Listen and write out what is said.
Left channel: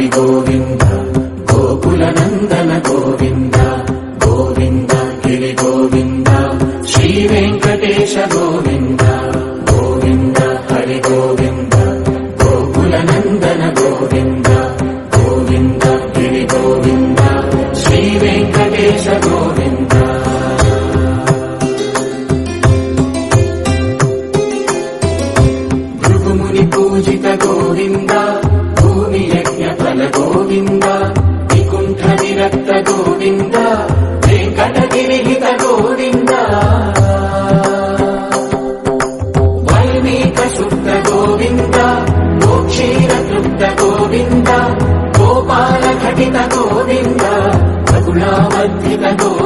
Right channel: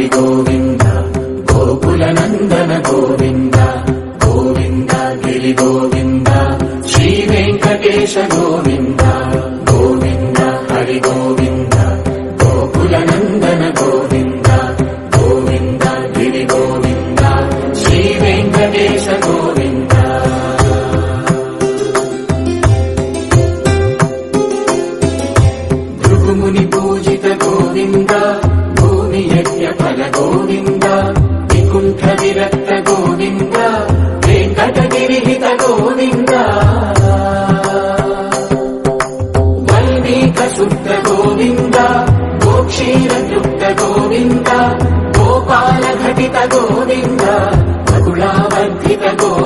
హరి గోవింద గోకుల నందన గోవింద గోవింద గిరి గోవింద శ్రీ వెంకటేశ గోవింద గోవింద హరి గోవింద గోకుల నందన గోవింద గోవింద గిరి గోవింద శ్రీ వెంకటేశ గోవింద. భృగుముని పూజిత గోవింద భూమి యజ్ఞ ఫల గోవింద వికుంఠ విరక్త గోవింద వెంకటగిరిహిత గోవింద వల్మీక శుద్ధ గోవింద గోక్షీర తృప్త గోవింద గోపాల ఘటిత గోవింద మగుళావర్ధిత గోవింద